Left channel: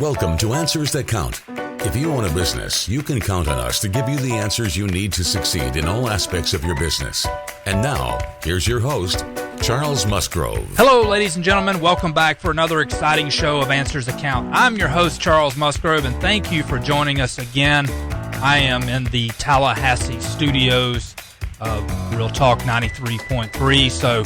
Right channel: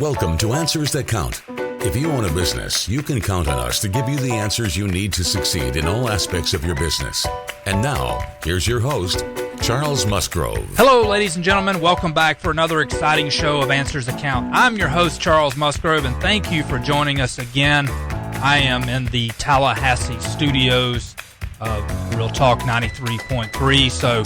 Welcome to Answers That Count. If you own a business, you can count on us to give you the answers you need to succeed in all aspects of your business. And now, here's your host, Charles Musgrove. Hello, ladies and gentlemen. Welcome back for another exciting show of Answers That Count. I'm your host, Charles Musgrove, and thank you for joining us again. I am in the Tallahassee studios of Real Talk 93.3, so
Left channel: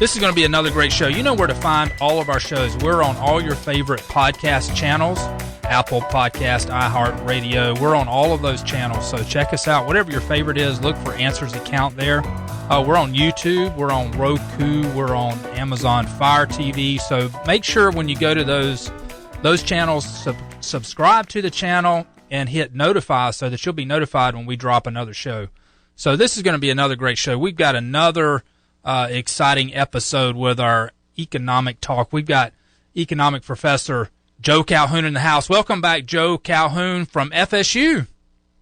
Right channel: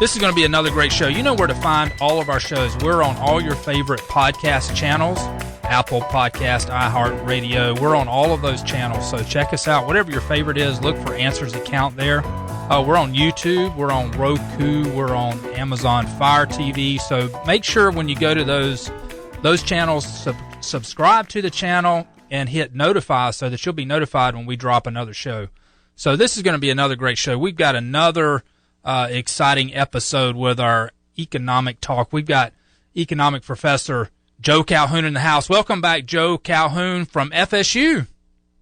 this is going to be another great show. You know where to find all of our shows. We're on all your favorite podcast channels, Apple Podcast, iHeartRadio. We're on all of those channels, so check us out. Whatever your favorite is, look for Answers That Count there. We're on YouTube, we're on Roku, we're on Amazon Fire TV, so make sure when you go to those channels, subscribe to the channel and hit notify so that you'll be notified when we drop another show. So this is going to be another great show. We've got another exciting episode with our economic talk. We've got economic professor Joe Calhoun in the house. Welcome back, Joe Calhoun from FSU.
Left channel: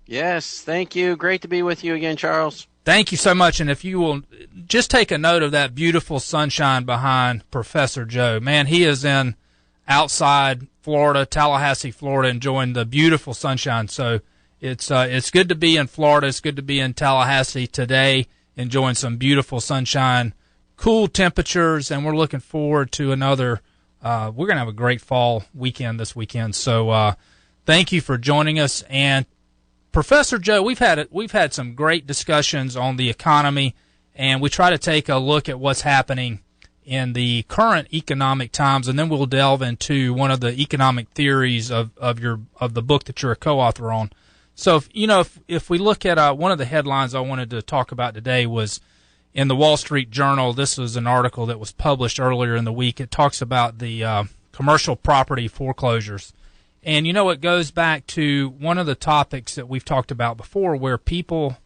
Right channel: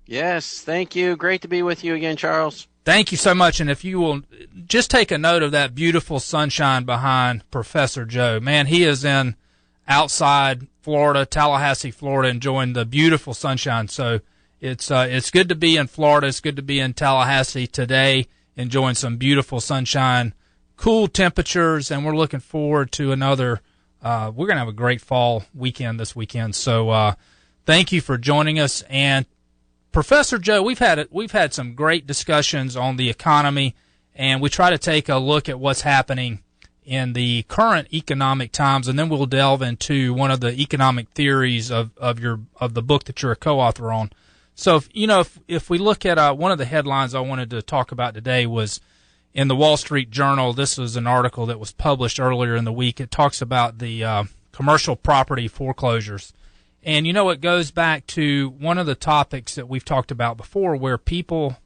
Yes, thank you. Great to be with you again, Charles. Thank you so much. And if you will just take a note of that beautiful sunshine behind Professor Joe. Man, he is in outside Florida, Tallahassee, Florida, enjoying the beautiful sunshine. So it's good to be in Florida. It's good to be in Tallahassee today, enjoying some beautiful sunshine, cool temperatures, and we're looking forward to another we're going to have a great fall weekend this weekend. So thank you for joining us. And Professor Joe, we've had some great discussions on the economy, and we try to take a look at what's happening in the current economic times, and then we'll delve into one of the economic theories of the book that you're a co-author on. So if we look at one of the headlines I wanted to talk about today was in the Wall Street Journal. This was an article that was published earlier in the week. It talks about the commercial property foreclosures. And, it goes back to one of the topics that we've talked about before, where people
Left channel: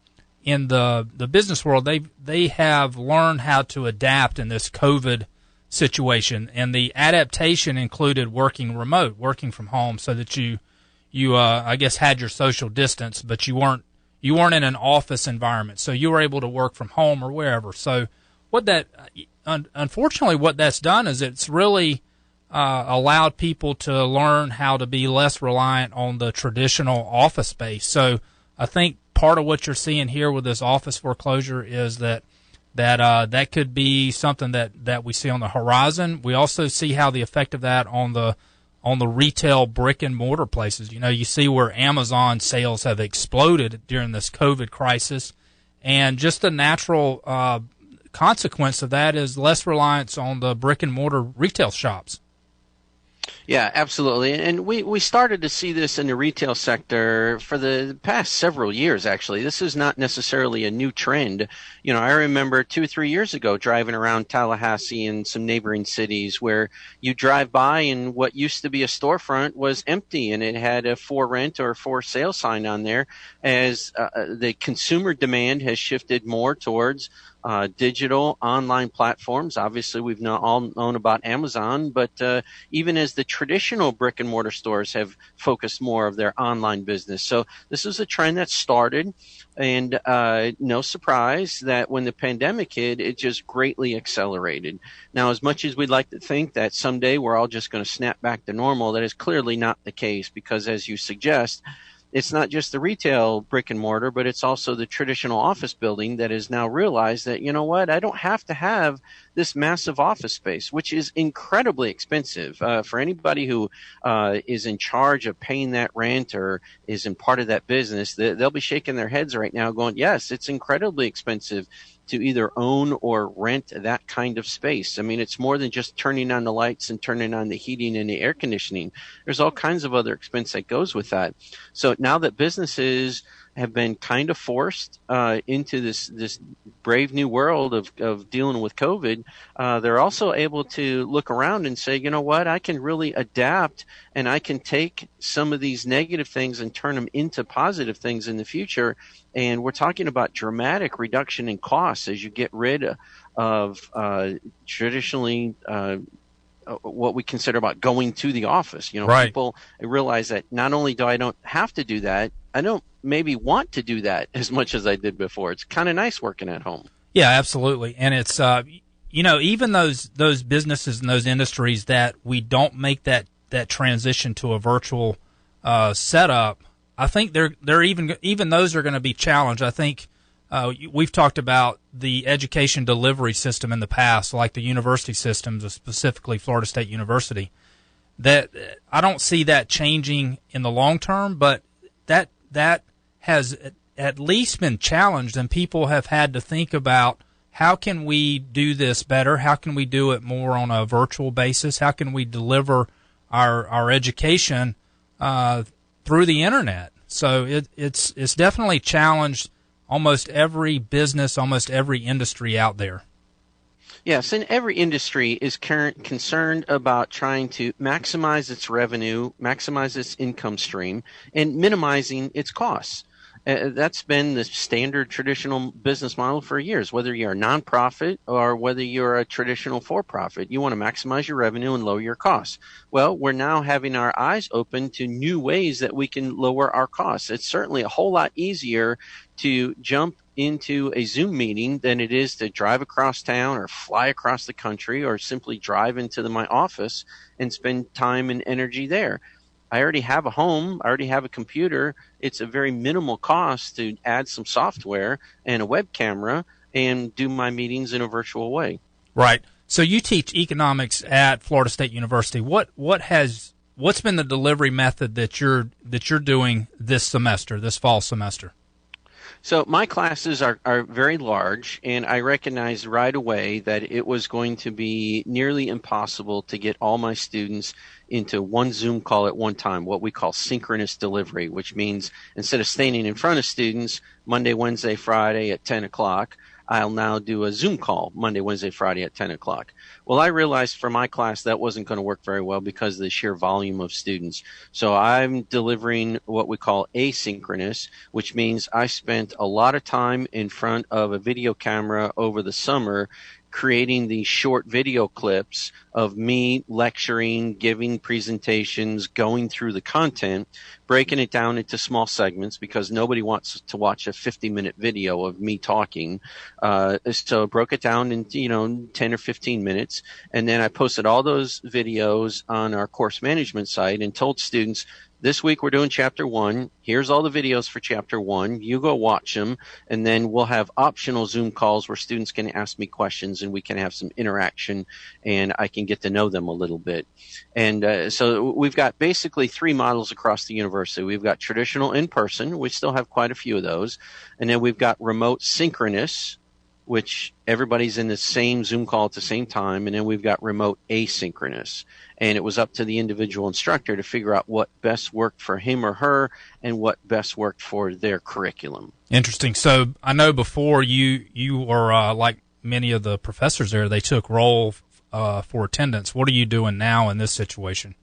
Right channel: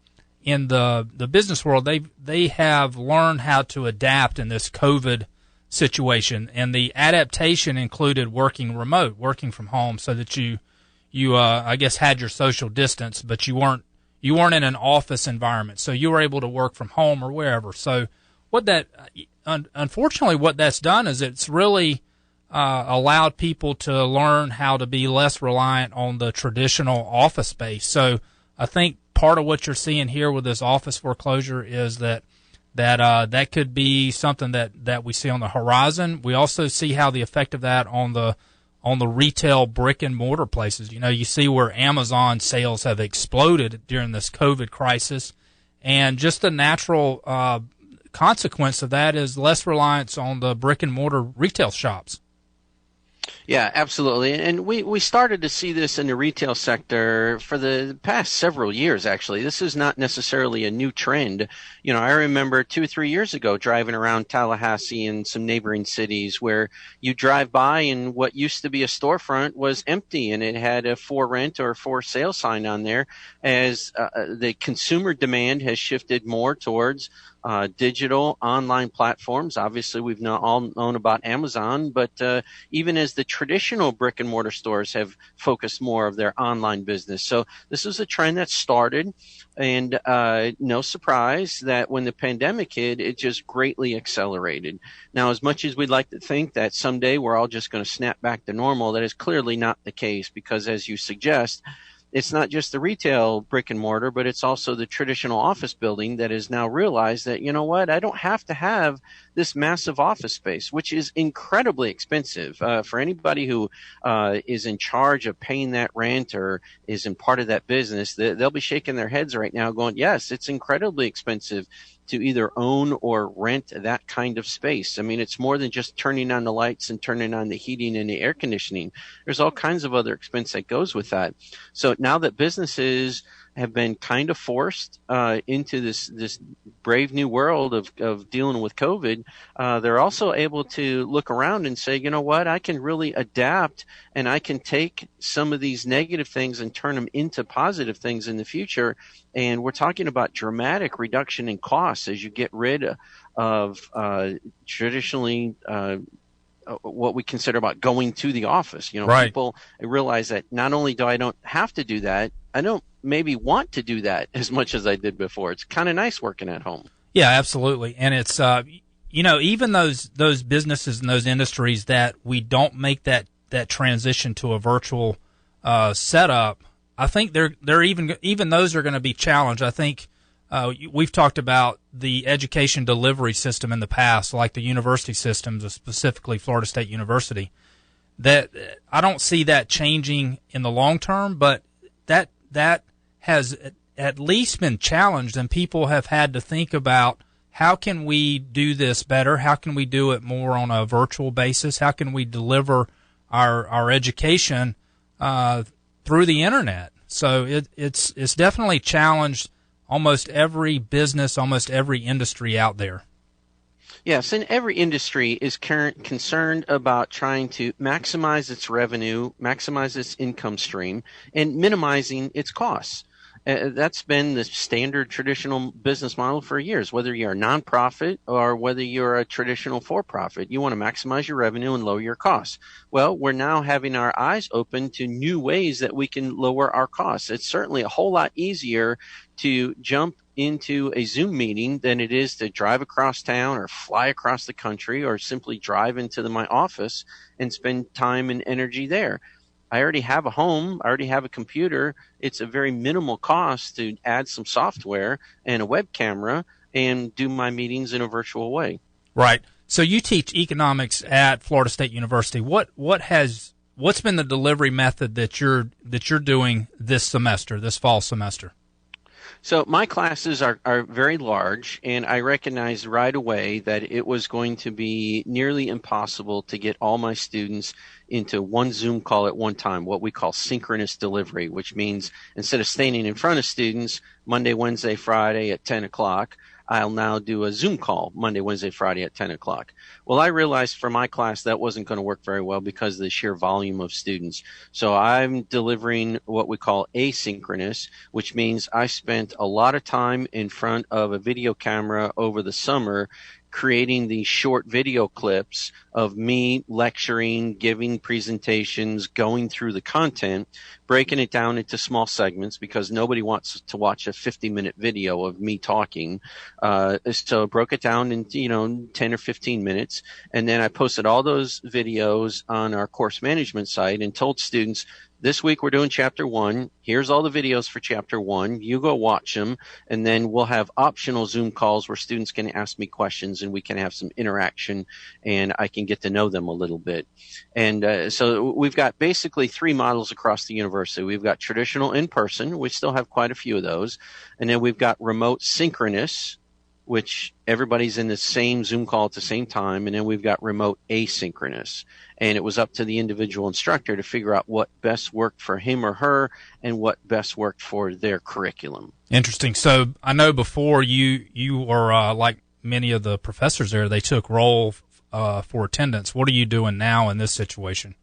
in the business world, they have learned how to adapt in this COVID situation. And the adaptation included working remote, working from home, so that you I guess, had your social distance, but you weren't in an office environment. So you were able to work from home or wherever. So unfortunately, what that's done is it's really allowed people to learn how to be less reliant on the traditional office space. So I think part of what you're seeing here with this office foreclosure is that could be something that we see on the horizon. We also see how the effect of that on the retail brick and mortar places. You see where Amazon sales have exploded during this COVID crisis, and just the natural consequence of that is less reliance on the brick and mortar retail shops. Yeah, absolutely. And we started to see this in the retail sector for the past several years, actually. This is not necessarily a new trend. I remember 2 or 3 years ago driving around Tallahassee and some neighboring cities where you drive by and what used to be a storefront was empty, and it had a for rent or for sale sign on there, as the consumer demand has shifted more towards digital online platforms. Obviously, we've all known about Amazon, but even as the traditional brick and mortar stores have focused more of their online business. So this is a trend that started, and no surprise that when the pandemic hit, it just greatly accelerated. Now, as much as we'd like to think that someday we're all just going to snap back to normal, that is clearly not the case, because as you suggest, it's not just the retail brick and mortar, but it's also the traditional office building that has now realized that, I don't have to have this massive office space, which is incredibly expensive. For anybody who is in charge of paying that rent or is in part of that business, they'll be shaking their heads right now going, yes, it's incredibly expensive to either own or rent that kind of space. I mean, it's more than just turning on the lights and turning on the heating and the air conditioning. There's all kinds of other expense that goes with that. So now that businesses have been kind of forced into this brave new world of dealing with COVID, they're also able to look around and say, I can really adapt, and I can take some of these negative things and turn them into positive things in the future. And we're talking about dramatic reduction in costs as you get rid of traditionally what we consider about going to the office. Right. People realize that not only do I don't have to do that, I don't maybe want to do that as much as I did before. It's kind of nice working at home. Yeah, absolutely. And it's, even those businesses and those industries that we don't make that that transition to a virtual setup, I think they're even those are going to be challenged. I think we've talked about the education delivery system in the past, like the university systems, specifically Florida State University. That I don't see that changing in the long term, but that has at least been challenged, and people have had to think about how can we do this better? How can we do it more on a virtual basis? How can we deliver our education through the internet? So it's definitely challenged almost every business, almost every industry out there. Yes, and every industry is concerned about trying to maximize its revenue, maximize its income stream, and minimizing its costs. That's been the standard traditional business model for years, whether you're a nonprofit or whether you're a traditional for-profit. You want to maximize your revenue and lower your costs. Well, we're now having our eyes open to new ways that we can lower our costs. It's certainly a whole lot easier to jump into a Zoom meeting than it is to drive across town or fly across the country or simply drive into my office and spend time and energy there. I already have a home. I already have a computer. It's a very minimal cost to add some software and a web camera and do my meetings in a virtual way. Right. So you teach economics at Florida State University. What's been the delivery method that you're doing this semester, this fall semester? So my classes are very large, and I recognized right away that it was going to be nearly impossible to get all my students into one Zoom call at one time, what we call synchronous delivery, which means instead of standing in front of students Monday, Wednesday, Friday at 10 o'clock, I'll now do a Zoom call Monday, Wednesday, Friday at 10 o'clock. Well, I realized for my class that wasn't going to work very well because of the sheer volume of students. So I'm delivering what we call asynchronous, which means I spent a lot of time in front of a video camera over the summer creating these short video clips of me lecturing, giving presentations, going through the content, breaking it down into small segments because nobody wants to watch a 50-minute video of me talking. So I broke it down in 10 or 15 minutes, and then I posted all those videos on our course management site and told students, this week we're doing Chapter 1. Here's all the videos for Chapter 1. You go watch them, and then we'll have optional Zoom calls where students can ask me questions and we can have some interaction and I can get to know them a little bit. And so we've got basically three models across the university. We've got traditional in-person. We still have quite a few of those. And then we've got remote synchronous, which everybody's in the same Zoom call at the same time. And then we've got remote asynchronous. And it was up to the individual instructor to figure out what best worked for him or her and what best worked for their curriculum. Interesting. So I know before you were like many of the professors there, they took roll for attendance. What are you doing now in this situation?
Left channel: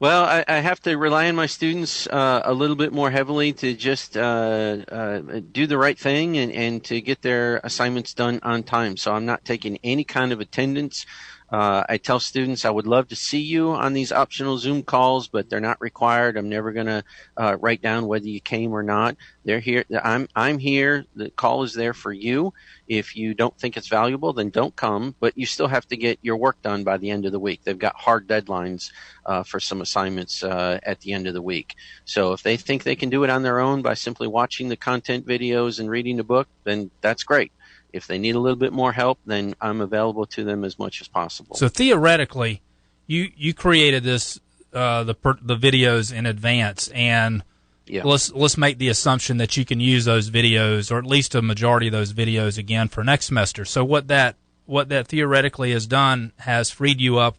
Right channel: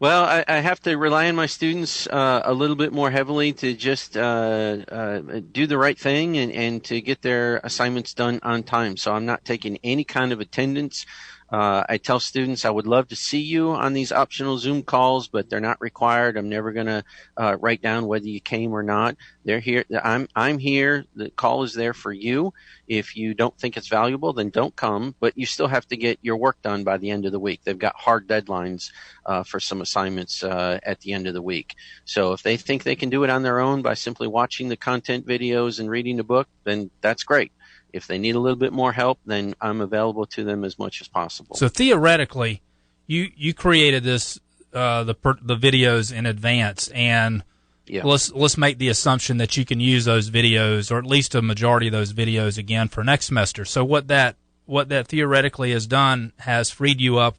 Well, I have to rely on my students a little bit more heavily to just do the right thing and to get their assignments done on time. So I'm not taking any kind of attendance. I tell students I would love to see you on these optional Zoom calls, but they're not required. I'm never going to write down whether you came or not. They're here. I'm here. The call is there for you. If you don't think it's valuable, then don't come, but you still have to get your work done by the end of the week. They've got hard deadlines for some assignments at the end of the week. So if they think they can do it on their own by simply watching the content videos and reading the book, then that's great. If they need a little bit more help, then I'm available to them as much as possible. So theoretically, you created this the videos in advance, and yeah. Let's make the assumption that you can use those videos, or at least a majority of those videos, again for next semester. So what that theoretically has done has freed you up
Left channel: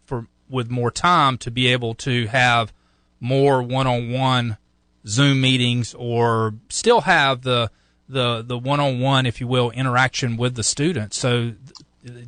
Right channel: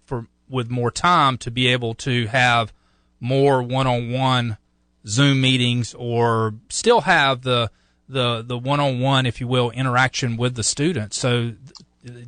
with more time to be able to have more one-on-one Zoom meetings, or still have the one-on-one, if you will, interaction with the students. So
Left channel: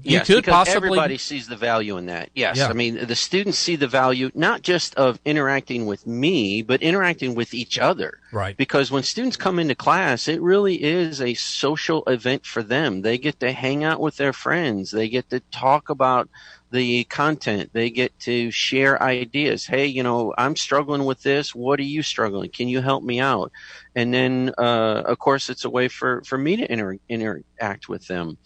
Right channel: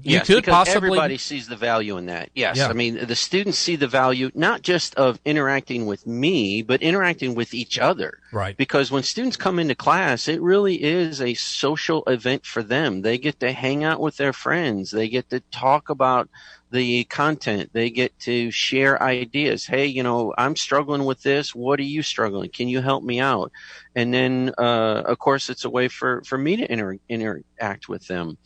you could possibly, everybody sees the value in that. Yes. Yeah. I mean, the students see the value not just of interacting with me, but interacting with each other. Right. Because when students come into class, it really is a social event for them. They get to hang out with their friends. They get to talk about the content. They get to share ideas. Hey, I'm struggling with this. What are you struggling? Can you help me out? And then, of course, it's a way for me to interact with them.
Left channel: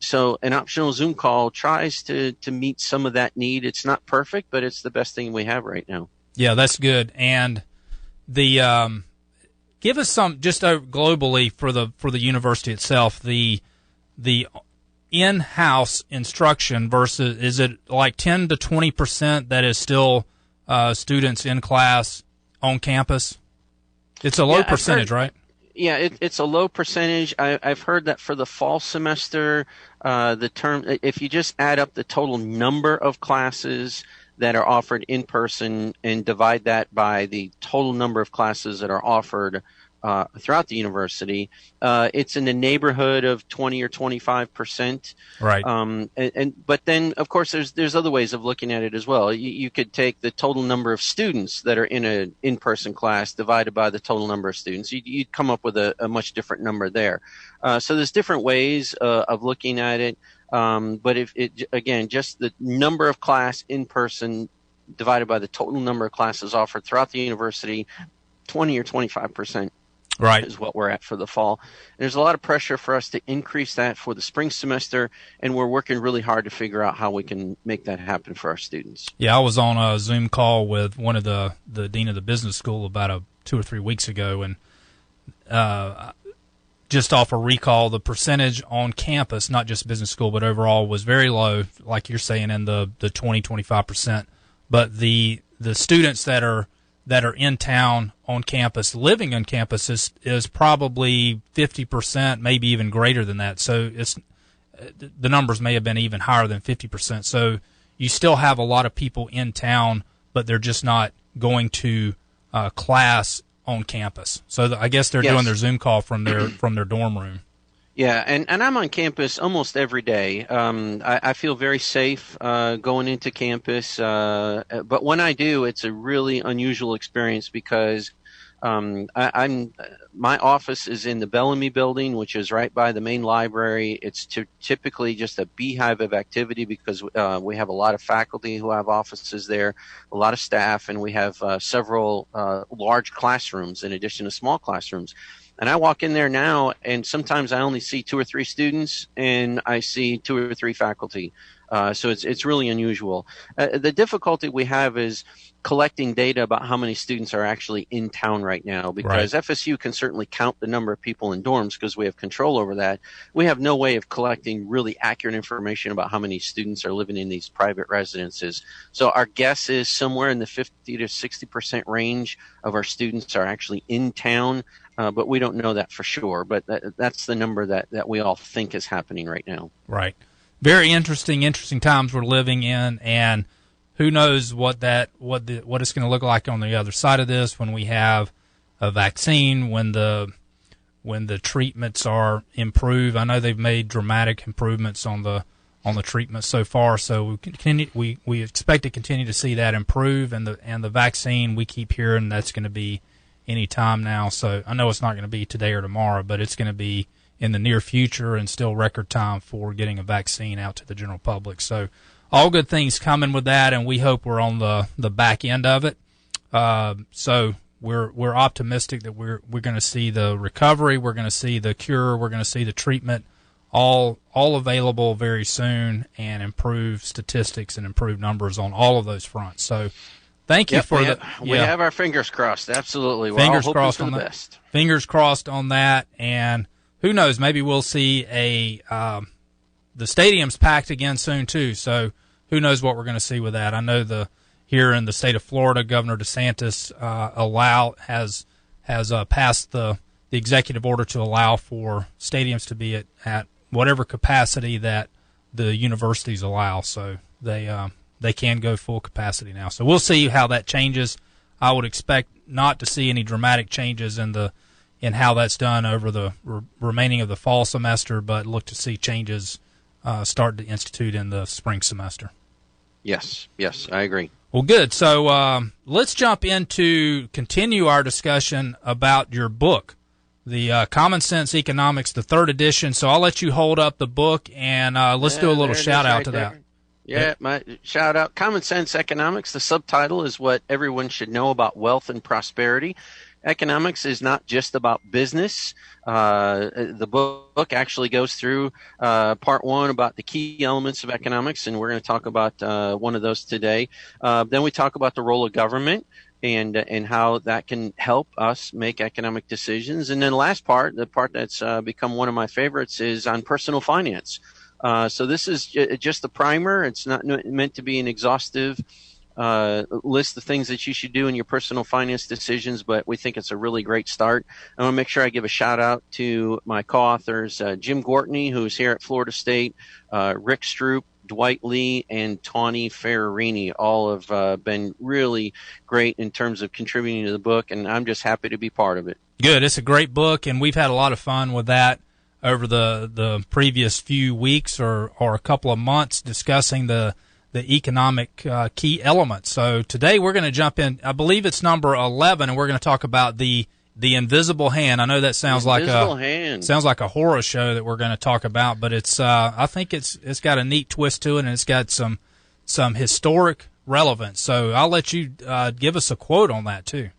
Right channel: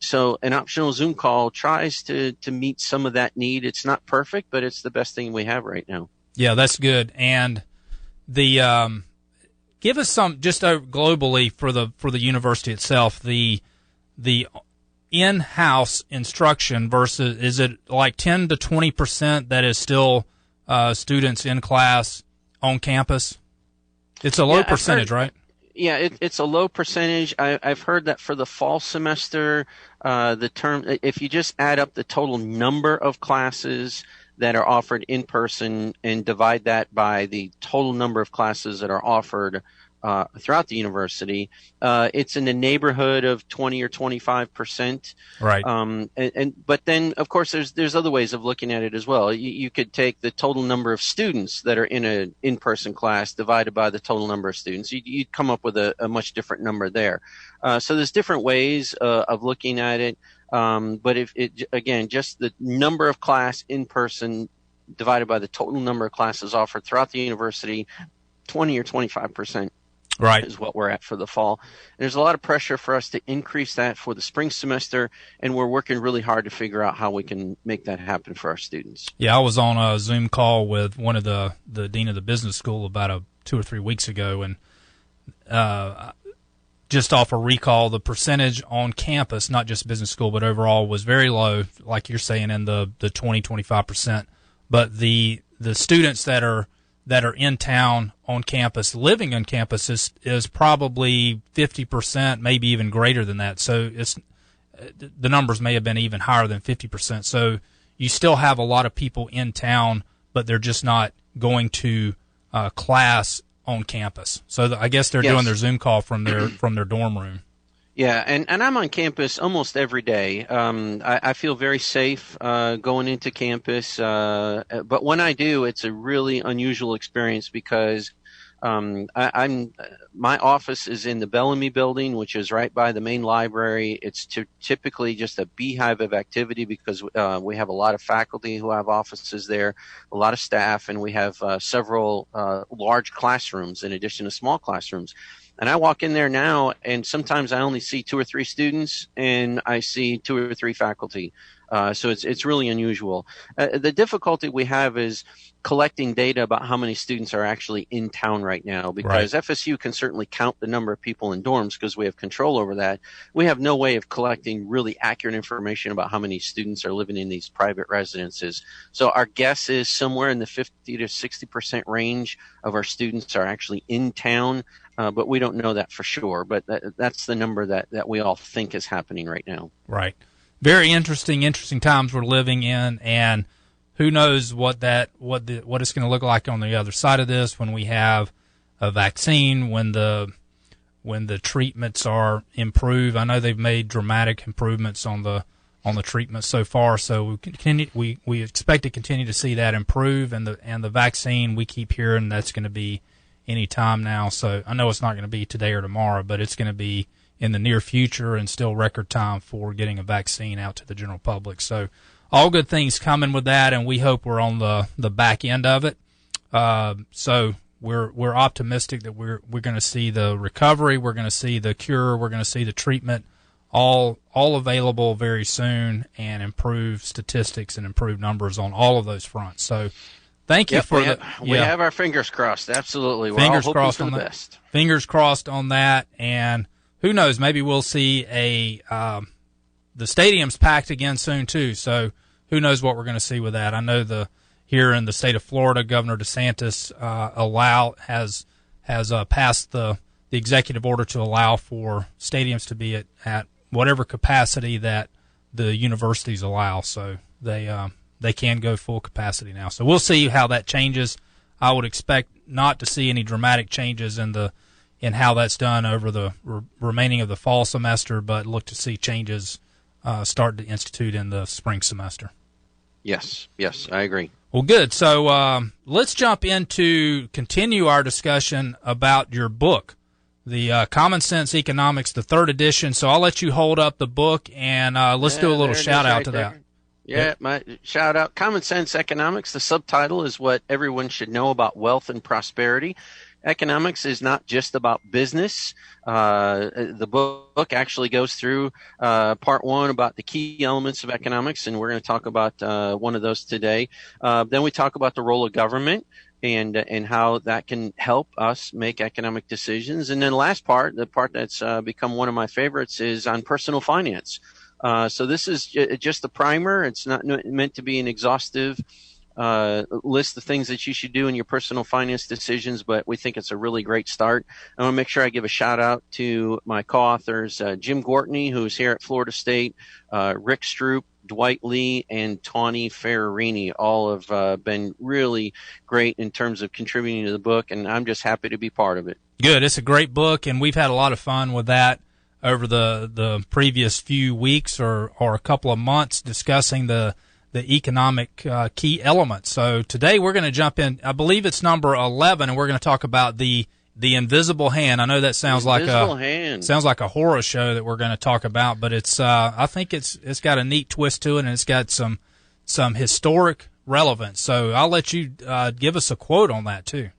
So an optional Zoom call tries to meet some of that need. It's not perfect, but it's the best thing we have right now. Yeah, that's good. And the give us some just globally for the university itself, the in-house instruction versus, is it like 10 to 20% that is still students in class on campus? It's a low percentage, right? Yeah, it's a low percentage. I've heard that for the fall semester, if you just add up the total number of classes that are offered in person and divide that by the total number of classes that are offered throughout the university, it's in the neighborhood of 20 or 25%. Right. But then, of course, there's other ways of looking at it as well. You could take the total number of students that are in an in-person class divided by the total number of students. You'd come up with a much different number there. So there's different ways of looking at it. But again, just the number of class in person divided by the total number of classes offered throughout the university, 20 or 25%. Right. Is what we're at for the fall. There's a lot of pressure for us to increase that for the spring semester, and we're working really hard to figure out how we can make that happen for our students. Yeah, I was on a Zoom call with one of the dean of the business school about 2 or 3 weeks ago, and just off a recall, the percentage on campus, not just business school, but overall, was very low, like you're saying, in the 20-25%. But the students that are in town on campus, living on campus, is probably 50%, maybe even greater than that. So the numbers may have been even higher than 50%. So you still have a lot of people in town, but they're just not going to class on campus. So I guess they're doing their Zoom call from their dorm room. Yeah, and I'm on campus almost every day. I feel very safe going into campus, but when I do, it's a really unusual experience because my office is in the Bellamy building, which is right by the main library. It's typically just a beehive of activity because we have a lot of faculty who have offices there, a lot of staff, and we have several large classrooms in addition to small classrooms. And I walk in there now, and sometimes I only see 2 or 3 students, and I see 2 or 3 faculty. So it's really unusual. The difficulty we have is collecting data about how many students are actually in town right now, because right. FSU can certainly count the number of people in dorms because we have control over that. We have no way of collecting really accurate information about how many students are living in these private residences. So our guess is somewhere in the 50 to 60% range of our students are actually in town. But we don't know that for sure. But that's the number that we all think is happening right now. Right. Very interesting times we're living in, and who knows what it's going to look like on the other side of this when we have a vaccine, when the treatments are improved. I know they've made dramatic improvements on the treatment so far, so we expect to continue to see that improve, and the vaccine, we keep hearing that's going to be any time now. So I know it's not going to be today or tomorrow, but it's going to be in the near future and still record time for getting a vaccine out to the general public. So all good things coming with that, and we hope we're on the back end of it. So we're optimistic that we're going to see the recovery, we're going to see the cure, we're going to see the treatment all available very soon, and improve statistics and improve numbers on all of those fronts. So thank you we have our fingers crossed. Absolutely. Fingers we're all crossed hoping on for the that. best. Fingers crossed on that, and who knows? Maybe we'll see the stadium's packed again soon too. So who knows what we're going to see with that? I know here in the state of Florida, Governor DeSantis has passed the executive order to allow for stadiums to be at whatever capacity that the universities allow. So they can go full capacity now. So we'll see how that changes. I would expect not to see any dramatic changes in how that's done over the remaining of the fall semester, but look to see changes start to institute in the spring semester. Yes, I agree. Well, good. So let's jump into continue our discussion about your book, the Common Sense Economics, the third edition. So I'll let you hold up the book, and let's do a little shout out to that. Yeah, my shout out. Common Sense Economics. The subtitle is what everyone should know about wealth and prosperity. Economics is not just about business. The book actually goes through part one about the key elements of economics, and we're going to talk about one of those today. Then we talk about the role of government and how that can help us make economic decisions. And then the last part, the part that's become one of my favorites, is on personal finance. So this is just the primer. It's not meant to be an exhaustive list of things that you should do in your personal finance decisions, but we think it's a really great start. I want to make sure I give a shout out to my co-authors, Jim Gortney, who's here at Florida State, Rick Stroop, Dwight Lee, and Tawny Ferrarini. All have been really great in terms of contributing to the book, and I'm just happy to be part of it. Good. It's a great book, and we've had a lot of fun with that over the previous few weeks or a couple of months discussing the economic key elements. So today we're going to jump in. I believe it's number 11, and we're going to talk about the invisible hand. I know that sounds like a horror show that we're going to talk about, but it's I think it's got a neat twist to it, and it's got some historic relevance. So I'll let you give us a quote on that too.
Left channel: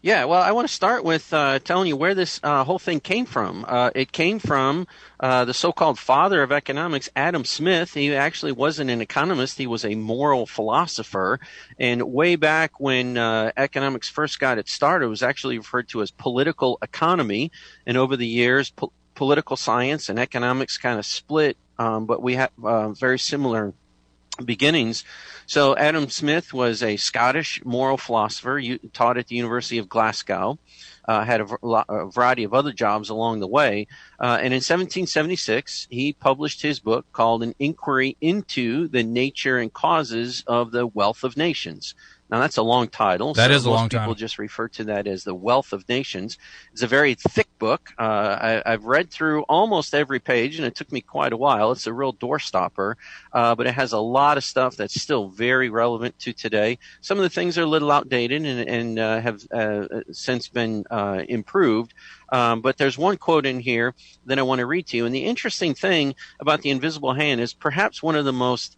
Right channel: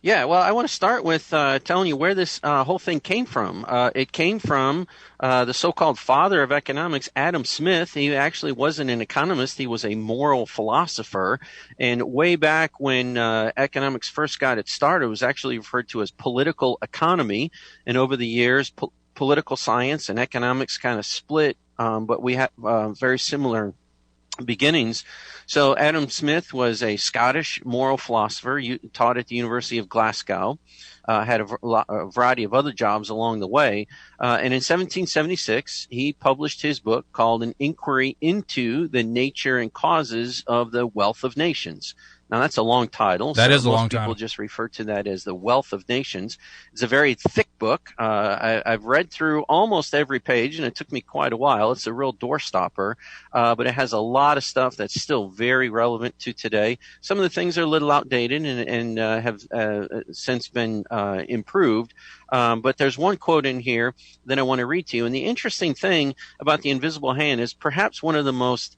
Yeah, well, I want to start with telling you where this whole thing came from. It came from the so-called father of economics, Adam Smith. He actually wasn't an economist. He was a moral philosopher. And way back when economics first got its start, it was actually referred to as political economy. And over the years, political science and economics kind of split, but we have very similar beginnings. So Adam Smith was a Scottish moral philosopher, taught at the University of Glasgow, had a variety of other jobs along the way. And in 1776, he published his book called An Inquiry into the Nature and Causes of the Wealth of Nations. Now, that's a long title. That is a long title. Most people just refer to that as The Wealth of Nations. It's a very thick book. I've read through almost every page, and it took me quite a while. It's a real doorstopper, but it has a lot of stuff that's still very relevant to today. Some of the things are a little outdated and have since been improved. But there's one quote in here that I want to read to you. And the interesting thing about the invisible hand is perhaps one of the most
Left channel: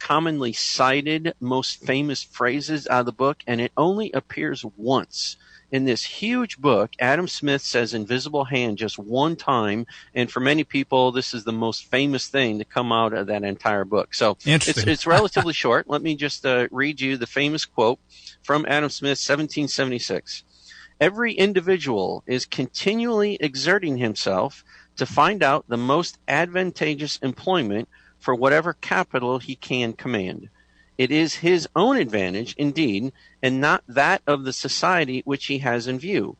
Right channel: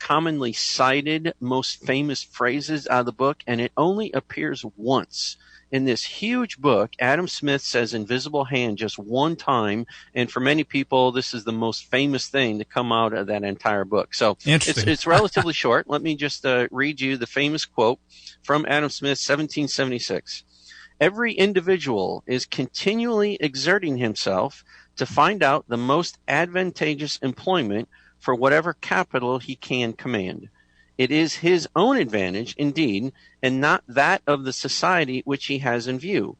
commonly cited, most famous phrases out of the book, and it only appears once. In this huge book, Adam Smith says invisible hand just one time, and for many people, this is the most famous thing to come out of that entire book. So it's relatively short. Let me just read you the famous quote from Adam Smith, 1776. Every individual is continually exerting himself to find out the most advantageous employment for whatever capital he can command. It is his own advantage, indeed, and not that of the society which he has in view.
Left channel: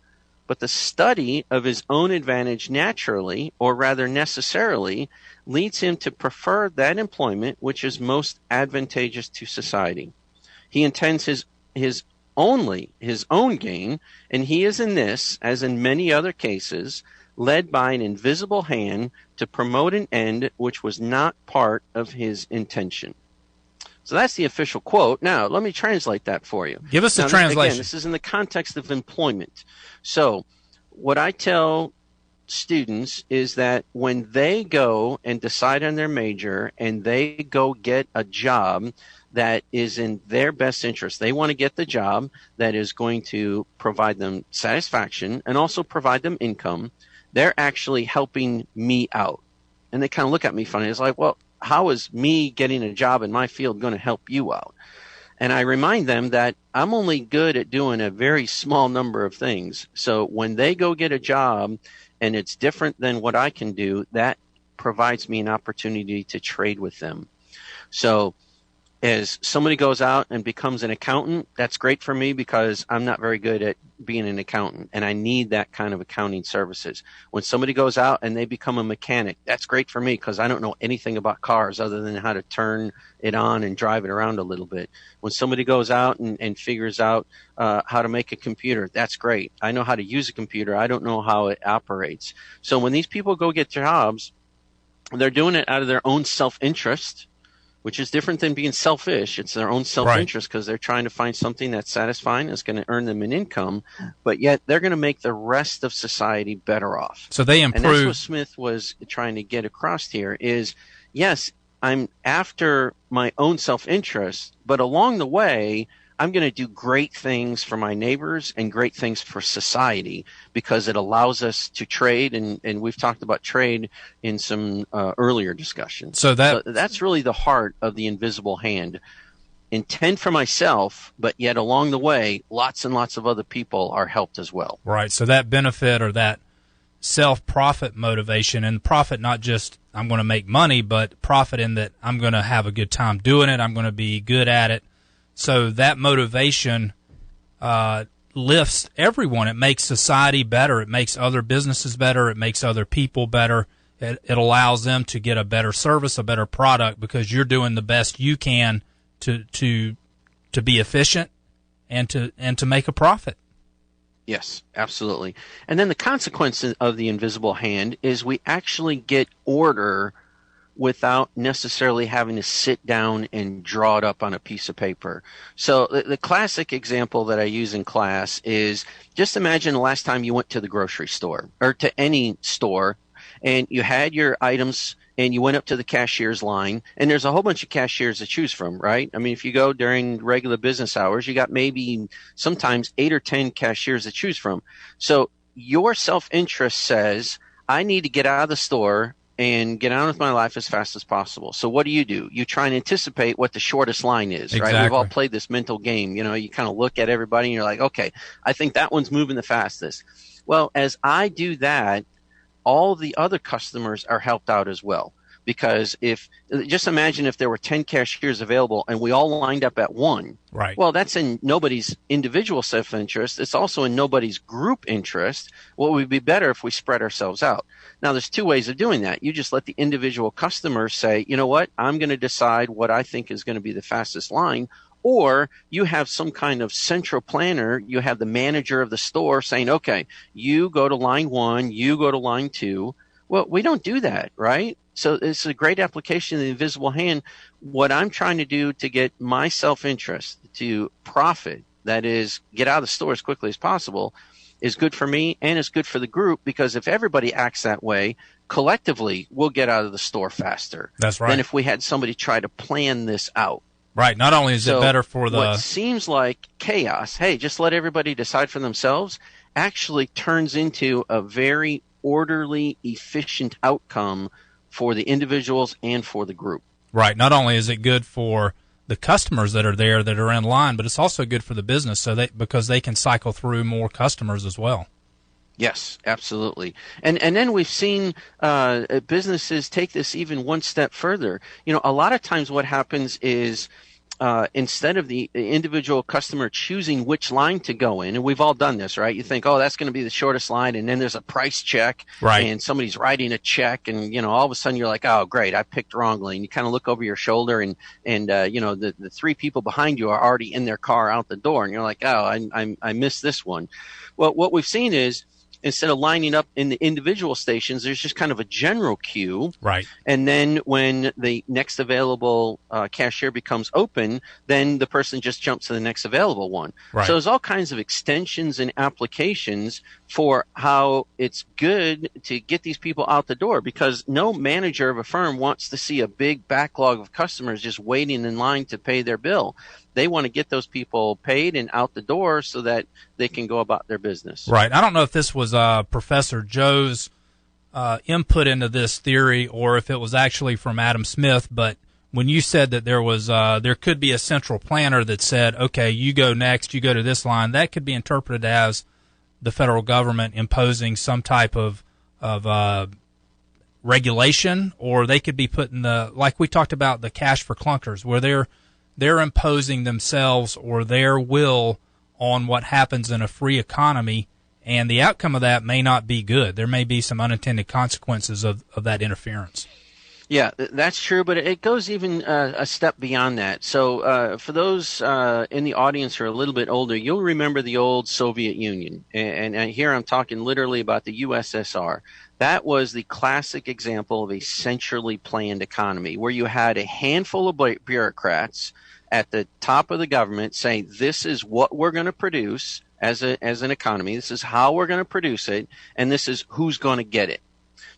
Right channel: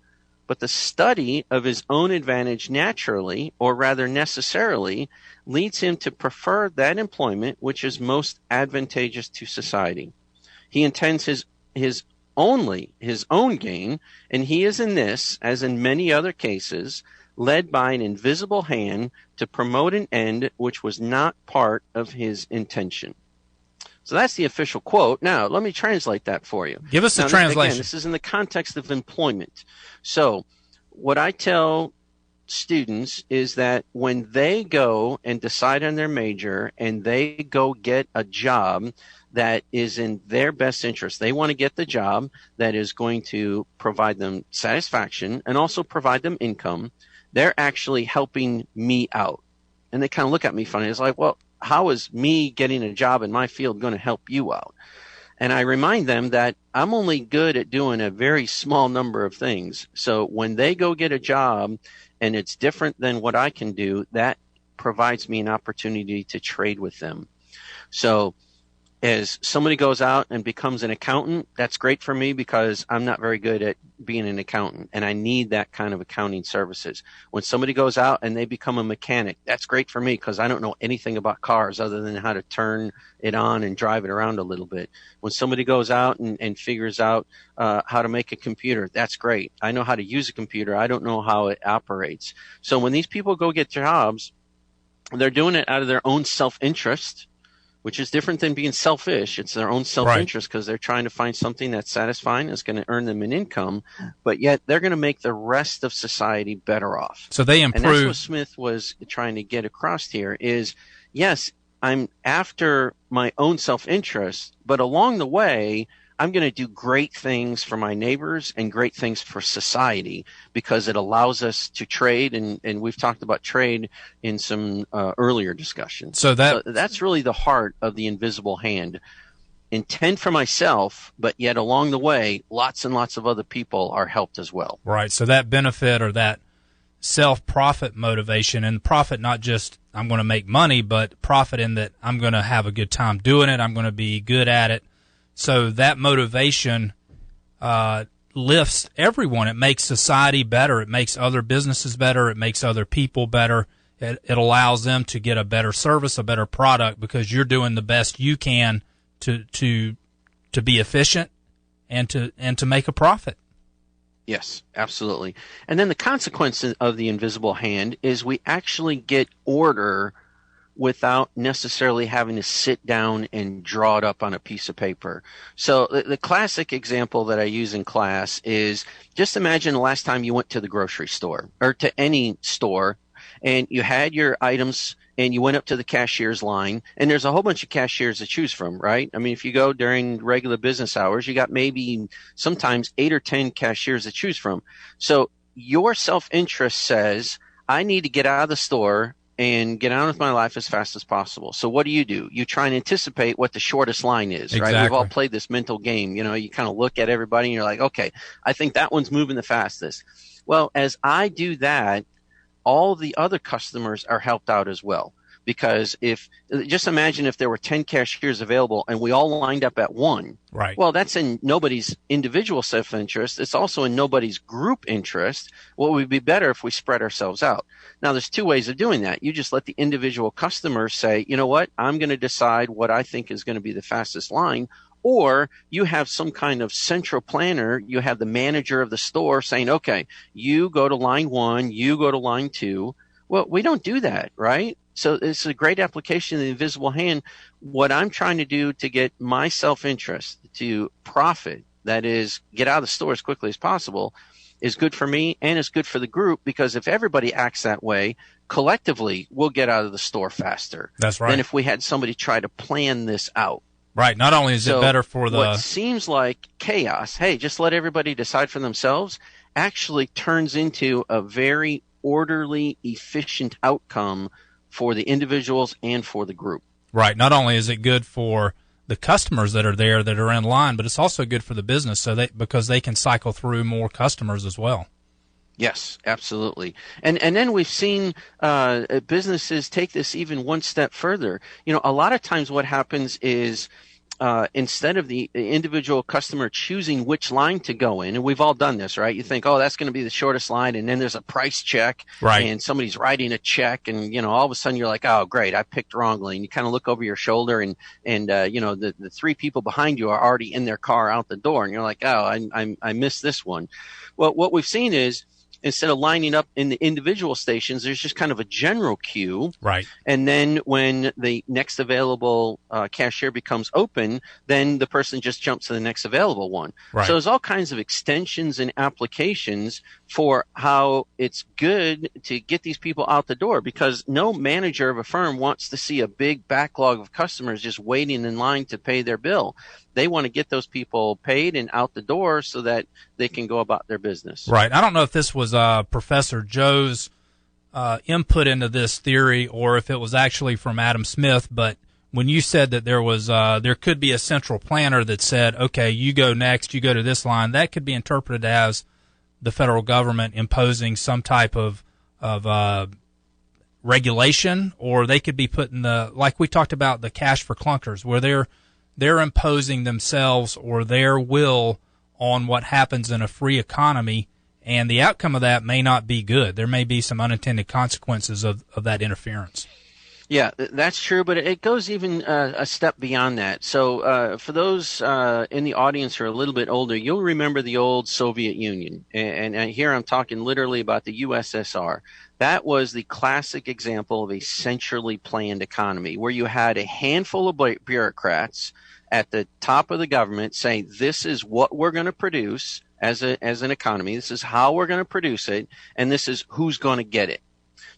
But the study of his own advantage naturally, or rather necessarily, leads him to prefer that employment which is most advantageous to society. He intends his own gain, and he is in this, as in many other cases, led by an invisible hand to promote an end which was not part of his intention. So that's the official quote. Now, let me translate that for you. Give us the translation. Again, this is in the context of employment. So what I tell students is that when they go and decide on their major and they go get a job that is in their best interest, they want to get the job that is going to provide them satisfaction and also provide them income. They're actually helping me out. And they kind of look at me funny. It's like, well, how is me getting a job in my field going to help you out? And I remind them that I'm only good at doing a very small number of things. So when they go get a job and it's different than what I can do, that provides me an opportunity to trade with them. So as somebody goes out and becomes an accountant, that's great for me because I'm not very good at being an accountant, and I need that kind of accounting services. When somebody goes out and they become a mechanic, that's great for me because I don't know anything about cars other than how to turn it on and drive it around a little bit. When somebody goes out and figures out how to make a computer, that's great. I know how to use a computer. I don't know how it operates. So when these people go get jobs, they're doing it out of their own self-interest. which is different than being selfish. It's their own self-interest because they're trying to find something that's satisfying, that's going to earn them an income, but yet they're going to make the rest of society better off. So they improve. And that's what Smith was trying to get across here is, yes, I'm after my own self-interest, but along the way, I'm going to do great things for my neighbors and great things for society because it allows us to trade. And we've talked about trade in some earlier discussions. So that's really the heart of the invisible hand. Intend for myself, but yet along the way, lots and lots of other people are helped as well. Right. So that benefit or that self-profit motivation, and profit not just I'm going to make money, but profit in that I'm going to have a good time doing it. I'm going to be good at it. So that motivation lifts everyone. It makes society better. It makes other businesses better. It makes other people better. It allows them to get a better service, a better product, because you're doing the best you can to be efficient and to make a profit. Yes, absolutely. And then the consequence of the invisible hand is we actually get order without necessarily having to sit down and draw it up on a piece of paper. So the classic example that I use in class is just imagine the last time you went to the grocery store or to any store and you had your items and you went up to the cashier's line, and there's a whole bunch of cashiers to choose from, right? I mean, if you go during regular business hours, you got maybe sometimes 8 or 10 cashiers to choose from. So your self-interest says, I need to get out of the store and get on with my life as fast as possible. So what do? You try and anticipate what the shortest line is, exactly. Right? We've all played this mental game. You know, you kind of look at everybody and you're like, okay, I think that one's moving the fastest. Well, as I do that, all the other customers are helped out as well. Because just imagine if there were 10 cashiers available and we all lined up at one. Right. Well, that's in nobody's individual self-interest. It's also in nobody's group interest. What would be better if we spread ourselves out? Now, there's two ways of doing that. You just let the individual customer say, you know what, I'm going to decide what I think is going to be the fastest line. Or you have some kind of central planner. You have the manager of the store saying, okay, you go to line 1, you go to line 2. Well, we don't do that, right? So it's a great application of the invisible hand. What I'm trying to do to get my self-interest to profit, that is, get out of the store as quickly as possible, is good for me and it's good for the group, because if everybody acts that way, collectively, we'll get out of the store faster. That's right. Than if we had somebody try to plan this out. Right. Not only is it better for what seems like chaos, hey, just let everybody decide for themselves, actually turns into a very orderly, efficient outcome for the individuals and for the group. Right. Not only is it good for the customers that are there that are in line, but it's also good for the business because they can cycle through more customers as well. Yes, absolutely. And then we've seen businesses take this even one step further. You know, a lot of times what happens is instead of the individual customer choosing which line to go in, and we've all done this, right? You think, oh, that's going to be the shortest line, and then there's a price check, right? And somebody's writing a check, and, you know, all of a sudden you're like, oh, great, I picked wrongly. And you kind of look over your shoulder, and you know, the 3 people behind you are already in their car out the door, and you're like, oh, I missed this one. Well, what we've seen is, instead of lining up in the individual stations, there's just kind of a general queue. Right. And then when the next available cashier becomes open, then the person just jumps to the next available one. Right. So there's all kinds of extensions and applications for how it's good to get these people out the door, because no manager of a firm wants to see a big backlog of customers just waiting in line to pay their bill. They want to get those people paid and out the door so that they can go about their business. Right. I don't know if this was Professor Joe's input into this theory or if it was actually from Adam Smith, but when you said that there could be a central planner that said, okay, you go next, you go to this line, that could be interpreted as the federal government imposing some type of regulation, or they could be putting like we talked about, the cash for clunkers, where they're imposing themselves or their will on what happens in a free economy, and the outcome of that may not be good. There may be some unintended consequences of that interference. Yeah, that's true, but it goes even a step beyond that. So, for those in the audience who are a little bit older, you'll remember the old Soviet Union. And here I'm talking literally about the USSR. That was the classic example of a centrally planned economy where you had a handful of bureaucrats at the top of the government saying, this is what we're going to produce as an economy. This is how we're going to produce it, and this is who's going to get it.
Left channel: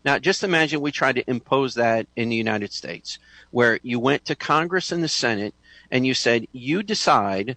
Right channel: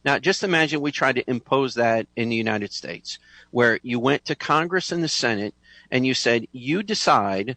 Now, just imagine we tried to impose that in the United States, where you went to Congress and the Senate and you said, you decide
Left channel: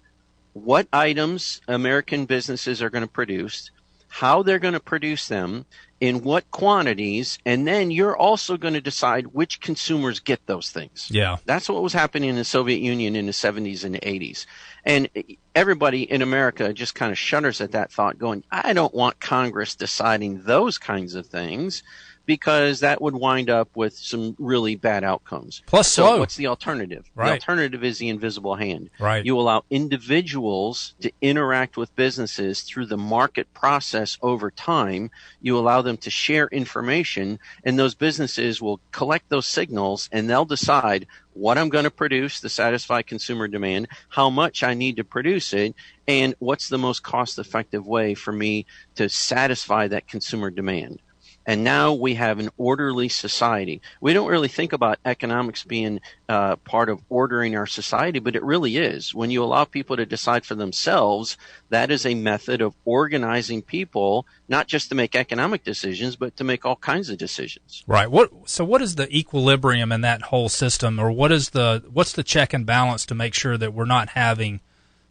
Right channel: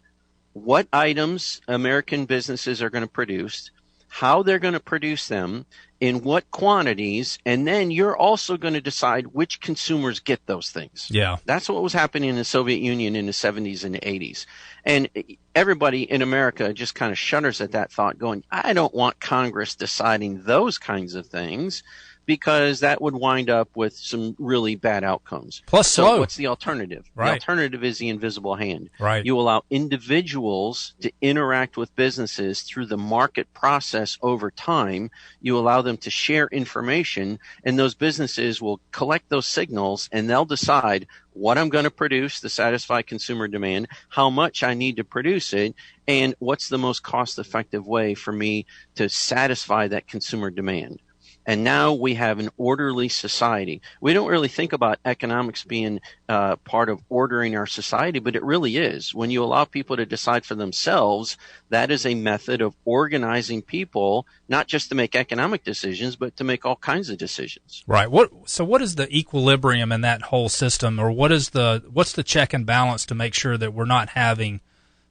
what items American businesses are going to produce, how they're going to produce them, in what quantities, and then you're also going to decide which consumers get those things. Yeah. That's what was happening in the Soviet Union in the 70s and the 80s. And everybody in America just kind of shudders at that thought, going, I don't want Congress deciding those kinds of things, because that would wind up with some really bad outcomes. Plus so slow. What's the alternative? Right. The alternative is the invisible hand. Right. You allow individuals to interact with businesses through the market process over time. You allow them to share information, and those businesses will collect those signals, and they'll decide what I'm going to produce to satisfy consumer demand, how much I need to produce it, and what's the most cost-effective way for me to satisfy that consumer demand. And now we have an orderly society. We don't really think about economics being part of ordering our society, but it really is. When you allow people to decide for themselves, that is a method of organizing people, not just to make economic decisions, but to make all kinds of decisions. Right. So what is the equilibrium in that whole system, or what's the check and balance to make sure that we're not having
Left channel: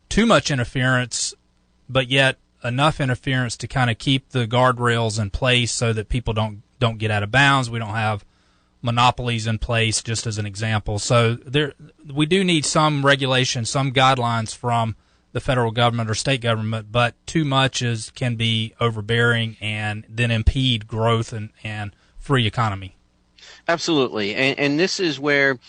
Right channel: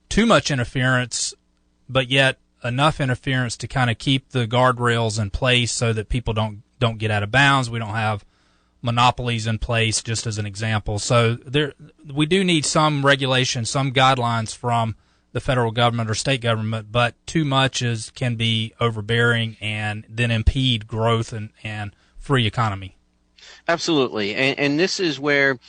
too much interference, but yet enough interference to kind of keep the guardrails in place so that people don't get out of bounds? We don't have monopolies in place, just as an example. So we do need some regulation, some guidelines from the federal government or state government, but too much can be overbearing and then impede growth and free economy. Absolutely. And this is where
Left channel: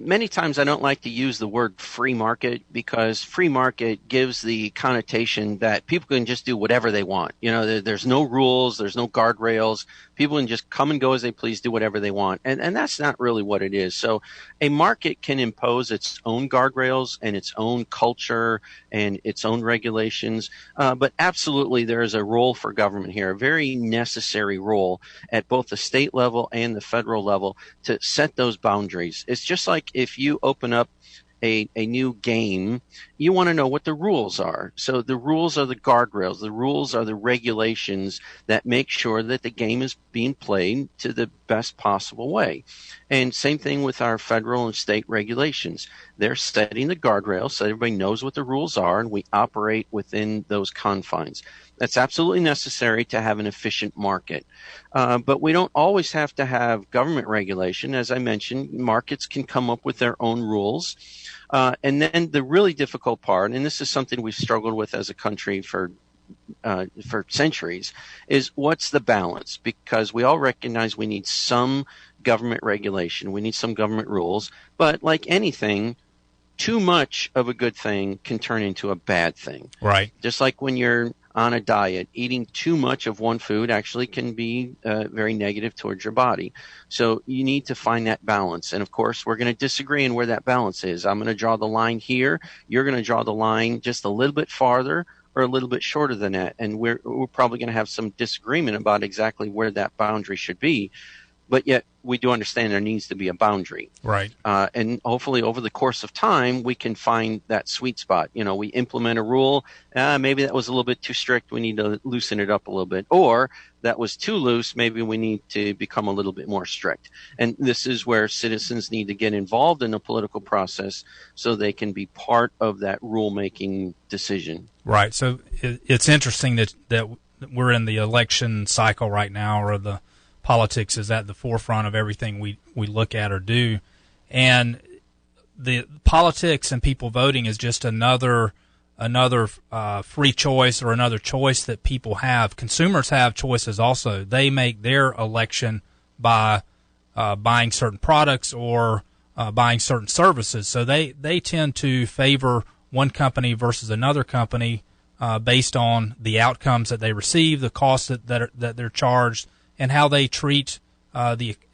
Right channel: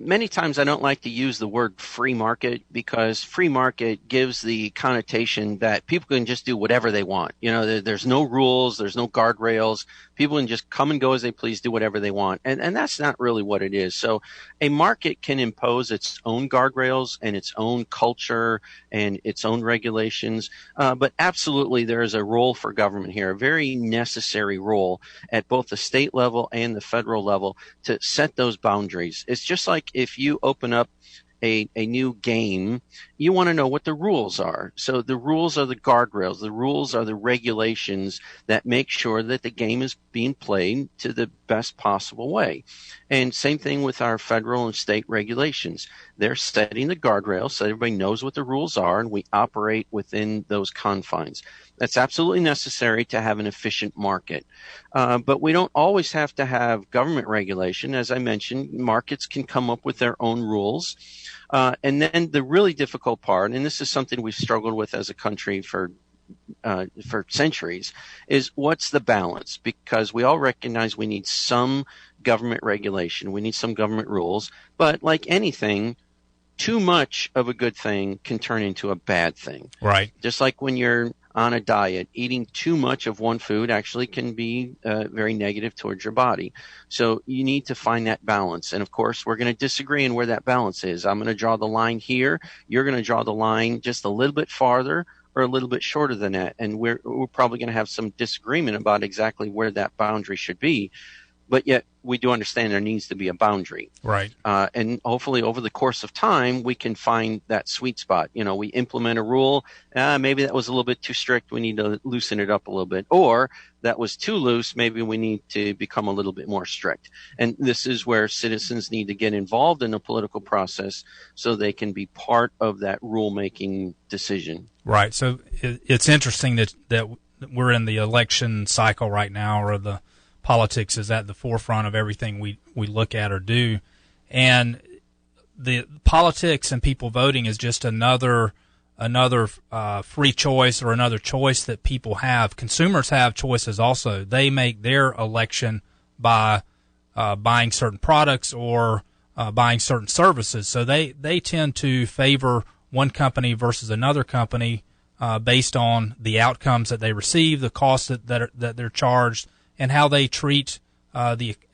many times I don't like to use the word free market, because free market gives the connotation that people can just do whatever they want. You know, there's no rules, there's no guardrails. People can just come and go as they please, do whatever they want. And that's not really what it is. So a market can impose its own guardrails and its own culture and its own regulations. But absolutely, there is a role for government here, a very necessary role at both the state level and the federal level to set those boundaries. It's just like if you open up a new game, you want to know what the rules are. So the rules are the guardrails. The rules are the regulations that make sure that the game is being played to the best possible way. And same thing with our federal and state regulations. They're setting the guardrails so everybody knows what the rules are, and we operate within those confines. That's absolutely necessary to have an efficient market. But we don't always have to have government regulation. As I mentioned, markets can come up with their own rules. And then the really difficult part, and this is something we've struggled with as a country for centuries, is what's the balance? Because we all recognize we need some government regulation. We need some government rules. But like anything, too much of a good thing can turn into a bad thing. Right. Just like when you're on a diet, eating too much of one food actually can be very negative towards your body. So you need to find that balance. And of course, we're going to disagree on where that balance is. I'm going to draw the line here. You're going to draw the line just a little bit farther or a little bit shorter than that. And we're probably going to have some disagreement about exactly where that boundary should be. But yet we do understand there needs to be a boundary. Right. And hopefully over the course of time, we can find that sweet spot. You know, we implement a rule. Maybe that was a little bit too strict. We need to loosen it up a little bit. Or that was too loose. Maybe we need to become a little bit more strict. And this is where citizens need to get involved in the political process so they can be part of that rulemaking decision. Right. So it's interesting that we're in the election cycle right now, or the politics is at the forefront of everything we look at or do. And the politics and people voting is just another free choice, or another choice that people have. Consumers have choices also. They make their election by buying certain products or buying certain services. So they tend to favor one company versus another company based on the outcomes that they receive, the costs that they're charged, and how they treat